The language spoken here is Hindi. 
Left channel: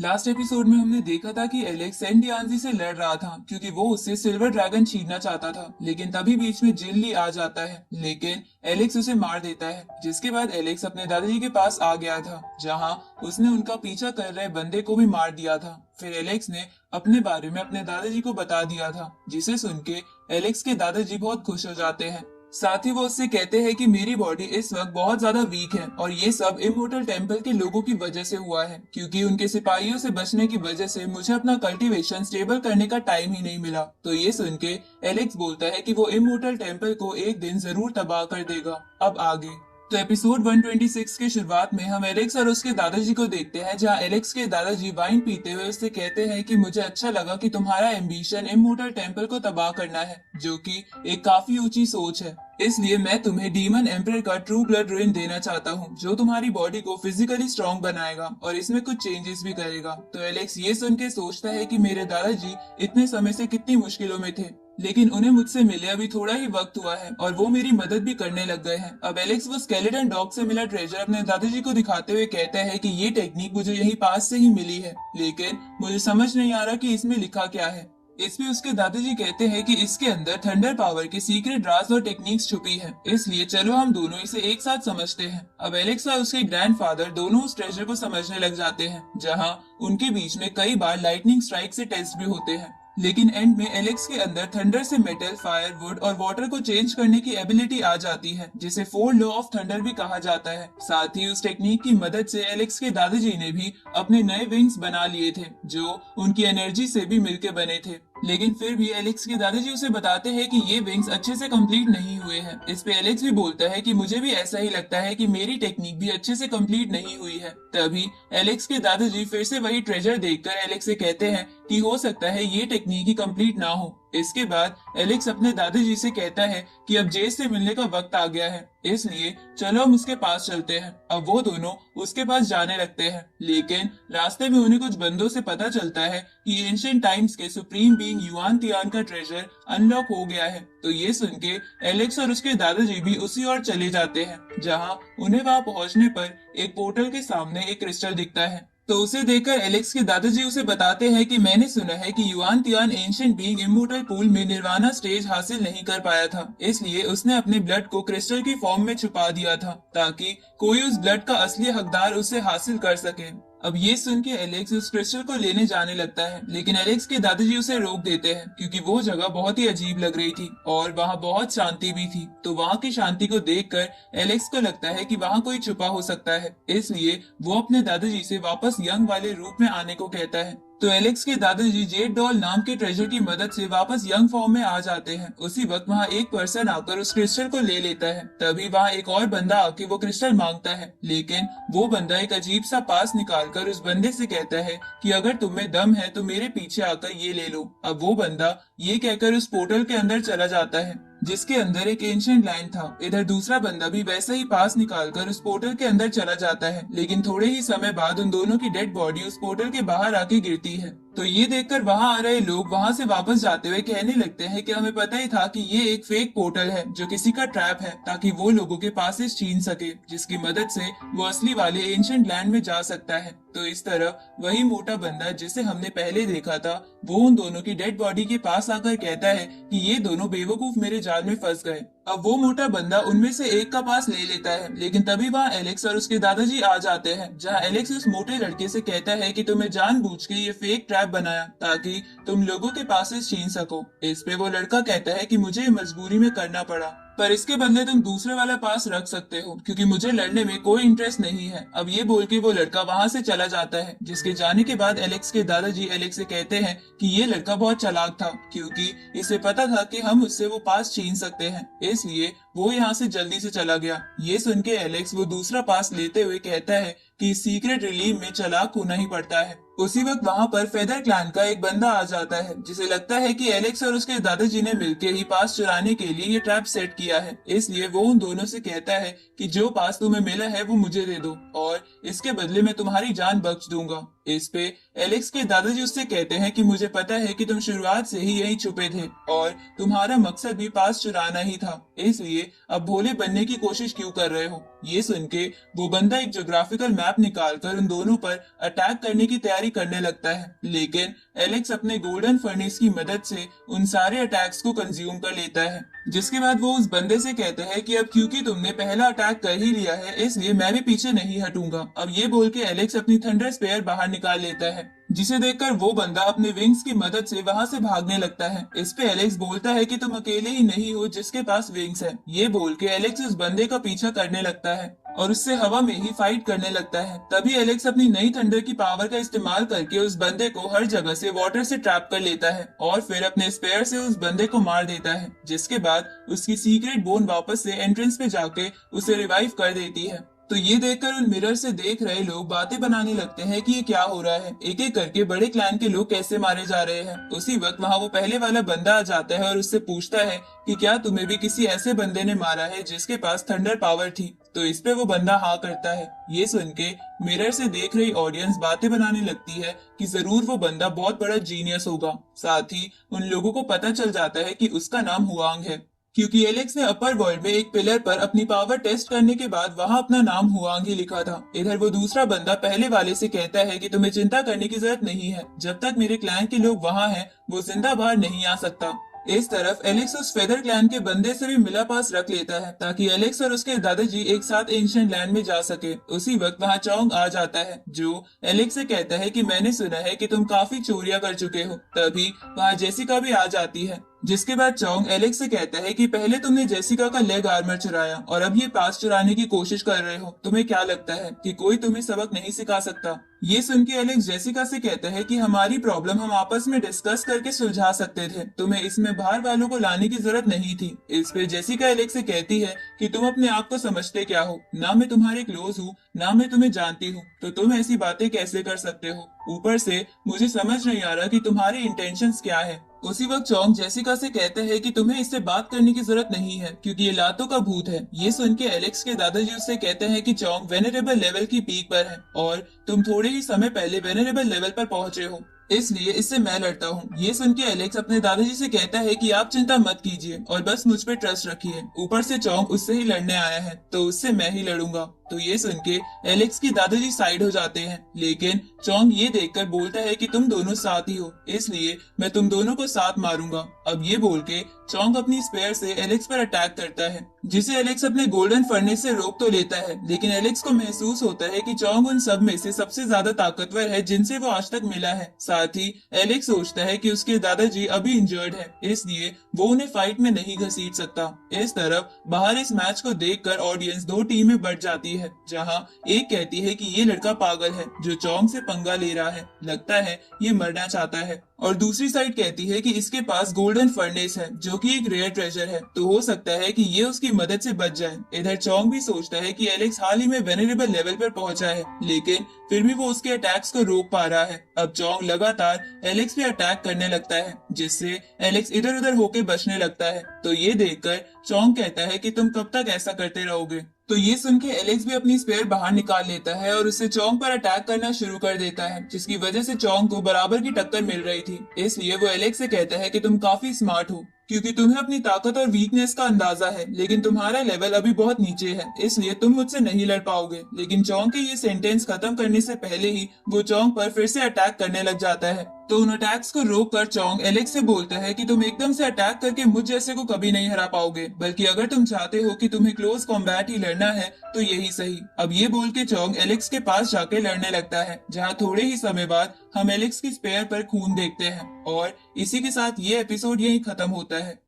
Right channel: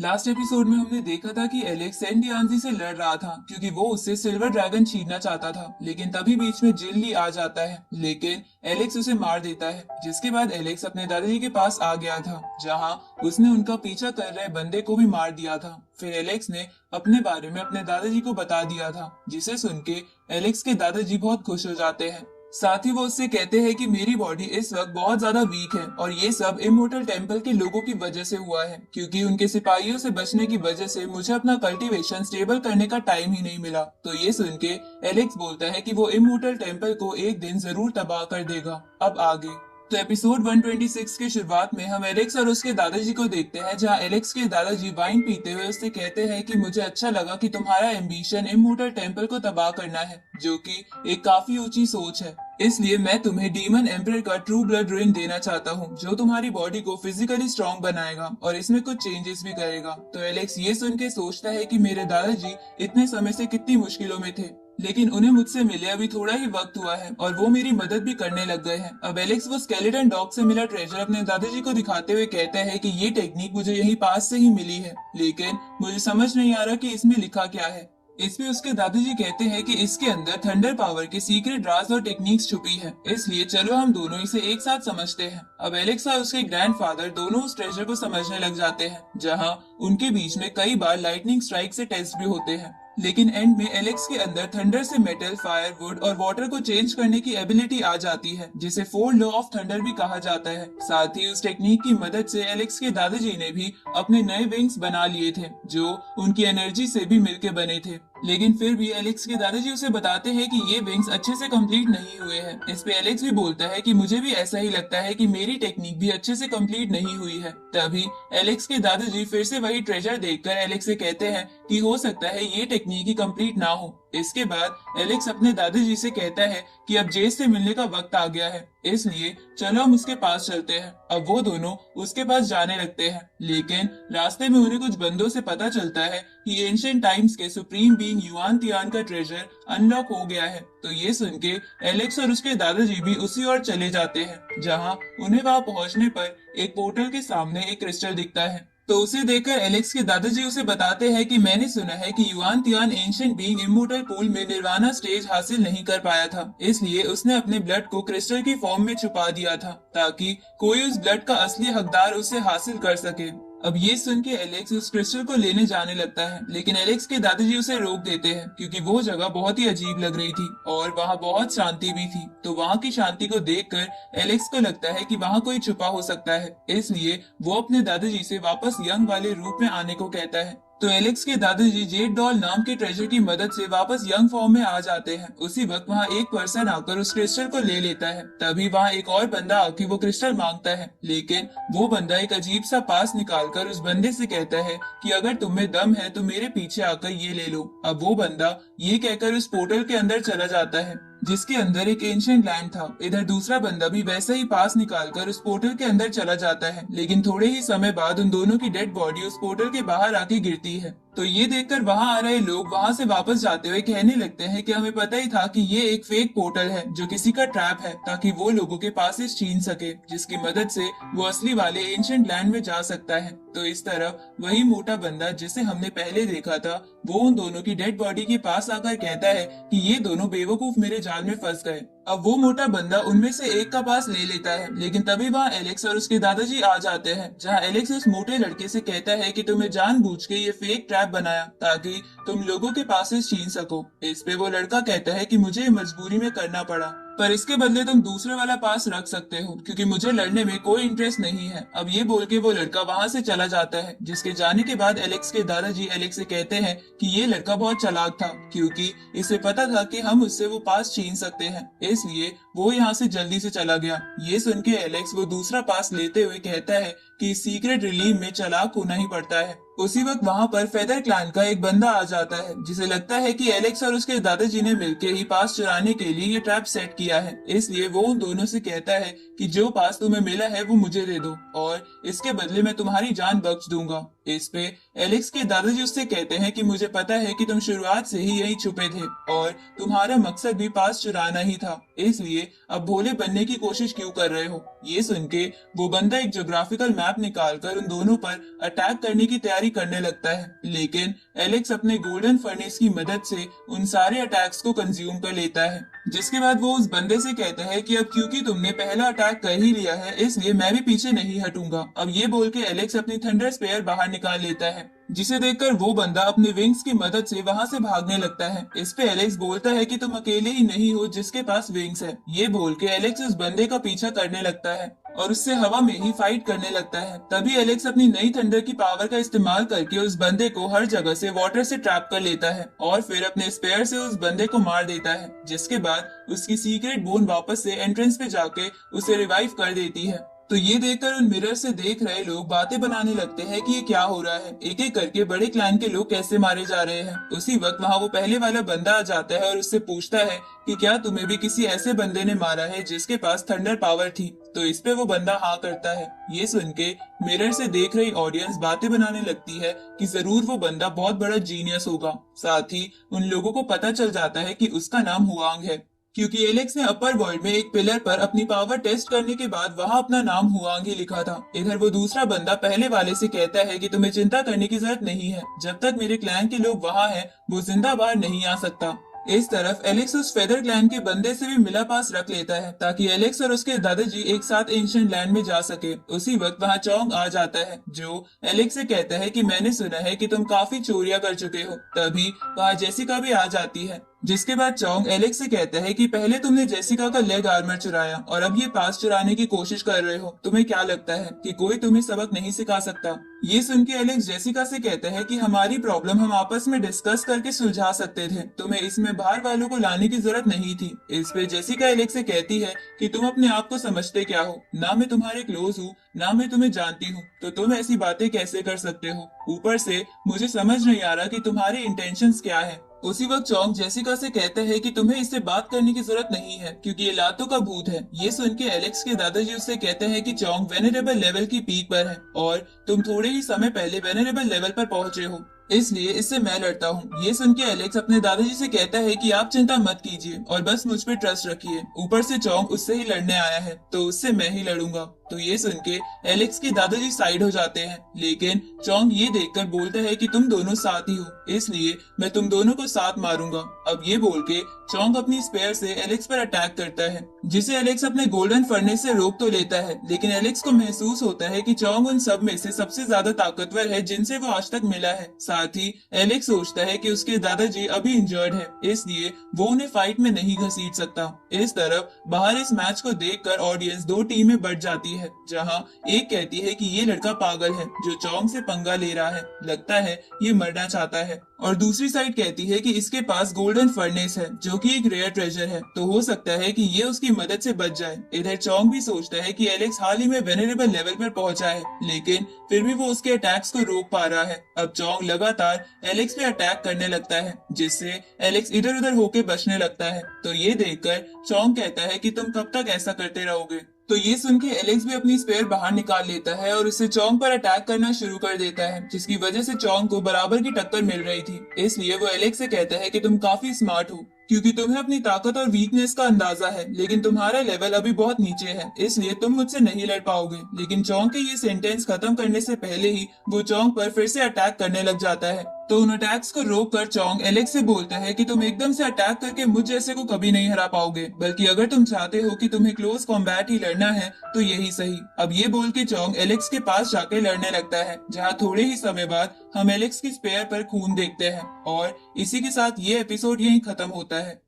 लास्ट एपिसोड में हमने देखा था कि एलेक्स सेंडियानजी से लड़ रहा था क्योंकि वो उससे सिल्वर ड्रैगन छीनना चाहता था, लेकिन तभी बीच में जिल्ली आ जाता है, लेकिन एलेक्स उसे मार देता है। जिसके बाद एलेक्स अपने दादाजी के पास आ गया था, जहां उसने उनका पीछा कर रहे बंदे को भी मार दिया था। फिर एलेक्स ने अपने बारे में अपने दादाजी को बता दिया था, जिसे सुन के एलेक्स के दादाजी बहुत खुश हो जाते हैं। साथ ही वो उससे कहते हैं कि मेरी बॉडी इस वक्त बहुत ज्यादा वीक है और ये सब इमोर्टल टेम्पल के लोगों की वजह से हुआ है, क्योंकि उनके सिपाहियों से बचने की वजह से मुझे अपना कल्टीवेशन स्टेबल करने का टाइम ही नहीं मिला। तो ये सुन के एलेक्स बोलता है कि वो इमोर्टल टेम्पल को एक दिन जरूर तबाह कर देगा। अब आगे तो एपिसोड 126 की शुरुआत में हम एलेक्स और उसके दादाजी को देखते हैं, जहां एलेक्स के दादाजी वाइन पीते हुए उससे कहते हैं कि मुझे अच्छा लगा कि तुम्हारा एम्बिशन इमोर्टल टेम्पल को तबाह करना है, जो कि एक काफी ऊंची सोच है। इसलिए मैं तुम्हें डीमन एम्परर का ट्रू ब्लड रुइन देना चाहता हूँ, जो तुम्हारी बॉडी को फिजिकली स्ट्रॉन्ग बनाएगा और इसमें कुछ चेंजेस भी करेगा। तो एलेक्स ये सुन के सोचता है कि मेरे दादाजी इतने समय से कितनी मुश्किलों में थे, लेकिन उन्हें मुझसे मिले अभी थोड़ा ही वक्त हुआ है और वो मेरी मदद भी करने लग गए हैं। अब एलेक्स वो स्केलेटन डॉग से मिला ट्रेजर अपने दादाजी को दिखाते हुए कहते हैं कि ये टेक्निक मुझे यहीं पास से ही मिली है, लेकिन मुझे समझ नहीं आ रहा कि इसमें लिखा क्या है। इस पे उसके दादाजी कहते हैं कि इसके अंदर थंडर पावर की सीक्रेट राज और टेक्निक्स छुपी है, इसलिए चलो हम दोनों इसे एक साथ समझते हैं। अब एलेक्स और उसके ग्रैंडफादर दोनों उस ट्रेजर को समझने लग जाते हैं, जहां उनके बीच में कई बार लाइटनिंग स्ट्राइक से टेस्ट भी होते हैं। लेकिन एंड में एलेक्स के अंदर थंडर से मेटल, फायर, वुड और वाटर को चेंज करने की एबिलिटी आ जाती है, जिसे फोर लॉ ऑफ थंडर भी कहा जाता है। साथ ही उस टेक्निक की मदद से एलेक्स के दादाजी ने भी अपने नए विंग्स बना लिए थे, जो उनकी एनर्जी से भी मिलके बने थे। लेकिन फिर भी एलेक्स के दादाजी उसे बताते हैं कि ये विंग्स अच्छे से कंप्लीट नहीं हुए हैं। इस पे एलेक्स भी बोलता है कि मुझे भी ऐसा ही लगता है कि मेरी टेक्निक भी अच्छे से कंप्लीट नहीं हुई है। तभी एलेक्स के दादाजी फिर से वही ट्रेजर देखकर एलेक्स से कहते हैं कि हो सकता है ये टेक्निक ही कंप्लीट ना हो। इसके बाद एलेक्स अपने दादाजी से कहता है कि अब जेस से मिलने का वक्त आ गया है, इसलिए चलो हम उसके पास चलते हैं। अब वो दोनों उसके पास जाने लगते हैं, लेकिन रास्ते में उन्हें कुछ बंदों से पता चलता है कि एंशिएंट टाइम्स के सुप्रीम बीइंग युआन तियान का ट्रेजर अनलॉक हो गया है। तो ये सुन के एलेक्स और उसके दादाजी भी उसी ओर चले जाते हैं, जहां उन्हें वहां पहुंचने पर एक पोर्टल के सामने एक क्रिस्टल दिखता है। तो उसे देखकर एलेक्स के दादाजी उसे बताते हैं कि मैंने सुना है कि yuan Tian ancient being immortal pool में निर्वाणा स्टेज हासिल नहीं कर पाया था, इसलिए उसने अपने ब्लड को क्रिस्टल की फॉर्म में छुपा दिया था, ताकि कोई उस ब्लड का असली हकदार उसे हासिल कर सके। अब ये सुन के एलेक्स उस क्रिस्टल को लेने जाने लगता है, लेकिन एलेक्स के दादाजी उसे रोक देते हैं, क्योंकि वो जगह बहुत ही अजीब लग रही थी और वहाँ बहुत शांति भी थी। तो वहाँ की शांति को देखकर एलेक्स को लगता है कि वहाँ कोई छुपा हो सकता है, इसलिए वो अपने दादाजी से वापस यंग वाले रूप में आने को कहता है। तो एलेक्स के दादाजी जेड डॉल नाम के ट्रेजर की मदद से वापस यंग फॉर्म में आ जाते हैं। उसी वक्त वहाँ एक पर्सन आकर उस क्रिस्टल को ले लेता है। तभी वहाँ एक और बंदा आके वो क्रिस्टल मांगता है, लेकिन वो बंदा एक अजीब सा पास निकालकर उस बंदे से कहता है कि अगर तुम्हें दम है तो मेरे पीछे आकर ये ले लो। अब वो बंदा ये कहकर उस पोर्टल के अंदर चला जाता है, जिसके अंदर एक एंशिएंट लैंड था। इधर दूसरा बंदा भी वैसा ही पास निकालकर उस पोर्टल के अंदर चला जाता है, लेकिन थोड़े ही समय बाद उन दोनों की डेड बॉडी उस पोर्टल के बाहर आके गिरती है। तो ये देखकर वहां आ रहे लोग वहां से वापस जाते हुए कहने लगते हैं कि हमें पता ही था कि ये एक फेक पोर्टल है, जो किसी का ट्रैप है, ताकि वो लोगों के पासेस छीन सके, जिसकी मदद से वो असली वाले एंशिएंट लैंड में जा सकता है। तो इस तरफ वही मोटा बंदा जिसे हमने पहले देखा था, वो उन दोनों की डेड बॉडी के पास आकर कहता है कि ये दोनों बेवकूफ मेरे जाल में फंस गए। अब वो मोटा बंदा उनमें से एक का पास ले लेता है, लेकिन तभी वहाँ एलेक्स और उसके दादाजी आ जाते हैं, जहाँ एलेक्स उस मोटे लड़के से कहता है कि तुम्हें जानबूझ के ये फेक ट्रैप बनाया ताकि तुम लोगों के पासेस छीन सको। इस पे वो लड़का कहता है कि मुझे मजबूरी में करना पड़ा, पर इसके बदले तुम दूसरे वाला पास रख सकते हो, क्योंकि मुझे लड़ने में कोई इंटरेस्ट नहीं है। अब ये बोल के वो लड़का वहाँ से चला जाता है, जिसके जाने के बाद एलेक्स के दादाजी एलेक्स से कहते हैं कि ये लड़का बहुत चालाक था, क्योंकि इसे पता था कि हम उससे वो पास छीन सकते हैं, इसलिए वो यहाँ से जल्दी से चला गया। ये सुन के एलेक्स वो दूसरा पास लेते हुए कहता है कि सीक्रेट रिलीव में चालाक होना ही पड़ता है। उसी वक्त वहाँ पर फेदर क्लैन का एक बंदा आ जाता है, जिसे लगता है कि एलेक्स और उसके दादाजी ने मिलकर ही पास चुराने के लिए ये ट्रैप सेट किया है, इसलिए वो उन दोनों से कहता है कि जो पास तुम्हें मिला है वो मुझे दे दो और इसके बदले में तुम्हारी जान बख्श दूंगा। इस पे एलेक्स के दादाजी उससे कहते हैं कि मुझे पता है कि तुम शुरुआत से ही यहीं छुपे थे और तुम्हारा मकसद भी पास चुराना ही था, इसलिए अब भोले बनने की कोशिश क्यों कर रहे हो। ये सुन के वो बंदा एक ज्योग्राफिकल मैप निकालकर उन दोनों पर अटैक करने की तैयारी करने लगता है, लेकिन एलेक्स अपने गोल्डन फर्नेस की मदद से उन सारे अटैक्स को कंज्यूम कर लेता है। जिसके बाद वो उस बंदे से कहता है कि अब क्योंकि तुमने पहला अटैक कर ही लिया है, इसलिए मैं भी पीछे नहीं हटूंगा। अब ये बोल के एलेक्स अपनी थंडर स्पेयर बाहर निकाल लेता है, जिसे देखकर वो बंदा अपने विंग्स की मदद से वहां से भागने लगता है। इस पे एलेक्स बोलता है कि तुम अकेले ही नहीं हो जिसके पास विंग्स है। ये बोल के एलेक्स उस बंदे का पीछा करने लगता है और उससे हवा में ही फाइट करने लगता है। तभी एलेक्स अपनी नई थंडर की पावर का इस्तेमाल करके उस बंदे को हर जगह से वाटर से ट्रैप कर लेता है और फिर अपने स्पेयर से उस बंदे को मार देता है। जिसके बाद उसकी सीक्रेट बोन वापस से एंट्रेंस पे जाके उसे रिवाइव कर देती है। तो ये देखकर उन मिरर से देख रहे लोग बातें बनाने लगते हैं कि ये क्या हो रहा है, एक एक करके बड़े क्लैन के लोग कैसे मारे जा रहे हैं। उसी वक्त वहाँ वो पहले वाला बंदा आ जाता है और उससे पूछता है कि क्या तुम्हें भी किसी ऐसे बंदे ने मारा है जिसके पास थंडर पावर थी। तो इस पे वो बंदा हाँ करता है। ये सुन के मिरर से देख रही ऑडियंस बातें बनाने लगती है कि जरूर वो बंदा बहुत बड़ा जीनियस होगा। साथ ही उन लोगों को पता चल जाता है कि उसका नाम हुआंग है, क्योंकि एलेक्स ने अपर वर्ल्ड में एक पिलर पर अपनी पावर टेस्ट करने के बाद वहां अपना नाम हुआंग ही लिखा था। इधर वो दूसरा बंदा पहले वाले से कहता है कि तुम्हें चिंता करने की जरूरत नहीं है, जब तक मेरे क्लैन के लोग वहां हैं वो जिंदा बाहर नहीं आ सकता। इस तरफ एलेक्स उस फेदर क्लैन के बंदे से भी मिला पास रख लेता है ताकि एलेक्स और उसके दादाजी एक साथ एंशिएंट लैंड में जा सके। उसी वक्त वहाँ चोंग आ जाता है जो एलेक्स से कहता है कि मैंने सुना है कि तुम काफी चोरियां कर चुके हो। तभी वहाँ जेसिका भी आ जाती है, जिसके बाद चोंग एलेक्स से कहता है कि पहले तुमने जेसिका का लेग आर्मर चुराया और अब ये पास चुराने की कोशिश कर रहे हो। तुम्हें क्या लगता है कि कोई तुम्हें सबक नहीं सिखा सकता। ये सुन के एलेक्स जेसिका से कहते हैं कि हमारी प्रॉब्लम हम आपस में डिस्कस करके सुलझा सकते थे, तुम्हें इसमें बाहर वालों को लाने की जरूरत नहीं थी। इस पे जेसिका एलेक्स से कहती है कि तुम अपने आप को समझते क्या हो, ना मैं तुम्हारे क्लोज हूँ ना मैं तुम्हें जानती हूँ, तो तुम ऐसी बातें कैसे कर सकते हो। ऊपर से मुझे समझ नहीं आ रहा कि तुम्हारी इंटेंशंस क्या है। उसी वक्त चोंग जेसिका से कहते हैं कि तुम्हें इससे बात करने की जरूरत नहीं है क्योंकि ये लातों का भूत है। ये सुन के एलेक्स के दादाजी उससे कहते हैं कि चोंग वेनरेबल लेवल की पीक पर है और तुम थोड़े ही समय पहले वेनरेबल लेवल पर पहुंचे हो, इसलिए इससे मैं लड़ता हूँ। ये सुन के एलेक्स अपने दादाजी से कहता है कि आप चिंता मत कीजिए और बस मुझ पे ट्रस्ट रखिए। ऊपर से चोंग उससे ही लड़ने आया है तो उससे मैं ही लड़ूंगा। तो ये सुन के एलेक्स के दादाजी साइड हो जाते हैं, लेकिन चोंग ये देखकर बोलता है कि तुम दोनों साथ ही हो, इसलिए मैं तुम दोनों को साथ मारूंगा। अब ये बोल के चोंग अपनी स्पेयर से एलेक्स पर अटैक करता है, जिसे एलेक्स अपने गोल्डन फर्नेस से रोक तो लेता है, लेकिन एलेक्स को महसूस होता है कि चोंग उन सब में से सबसे ज्यादा ताकतवर है जिनसे वो आज तक मिला है। साथ ही एलेक्स सोचता है कि उसके दादाजी अभी इंजर्ड है, इसलिए वो उन्हें फाइट में नहीं घसीट सकता। इस तरफ बाहर इस मैच को देखकर ऑडियंस दो टीमें बढ़ जाती है, जहां एक कहती है कि ये लड़का पागल है जो चोंग से पंगा ले रहा है, लगता है ये मरना चाहता है, और दूसरी साइड कहती है कि इसके पास गोल्डन फर्नेस है जो कि एक रेयर ट्रेजर है, तो हो सकता है कि ये उसकी मदद से बच जाए। इधर चोंग भी सोचता है कि एलेक्स हाल ही में वेनरेबल लेवल पर पहुंचा है, लेकिन फिर भी वो उसके अटैक्स को रोक पा रहा है। अब चोंग लगातार एलेक्स पे अटैक करने लगता है, जिससे एलेक्स इधर उधर होके बचने लगता है। तो ये देखकर चोंग कहता है कि तुम कब तक ऐसा करते रहोगे। तो ये सुन के एलेक्स भी अपनी स्पेयर बाहर निकाल लेता है और उसे चोंग पर अटैक करना शुरू कर देता है, जिसकी वजह से चोंग को बराबर की टक्कर मिल रही थी। इसलिए वो एलेक्स से कहता है कि तुम काफी स्मार्ट हो क्योंकि तुम्हें अपनी ताकत और वीकनेस का अंदाजा है, लेकिन तुम्हारा लेवल अभी बहुत नीचे है, इसलिए तुम मुझसे नहीं लड़ पाओगे। लेकिन चोंग के ये सेंटेंस खत्म करने से पहले ही वो चोंग पर फिर से अटैक करने लग जाता है। तो उन अटैक्स को रोक कर चोंग एलेक्स से बोलता है कि तुम एकदम से अटैक करके मुझ जैसे को कभी नहीं हरा पाओगे, बल्कि अगर तुम चाहते हो कि तुम्हें क्लोज कॉम्बैट ही लड़ना है तो यही सही। अब ये बोल के चोंग एलेक्स के पास जाके लड़ने लगता है, जहाँ थोड़े ही समय बाद हम एलेक्स की स्पेयर पर खून देखते हैं। और इसी के साथ ये एपिसोड यहीं खत्म होता है।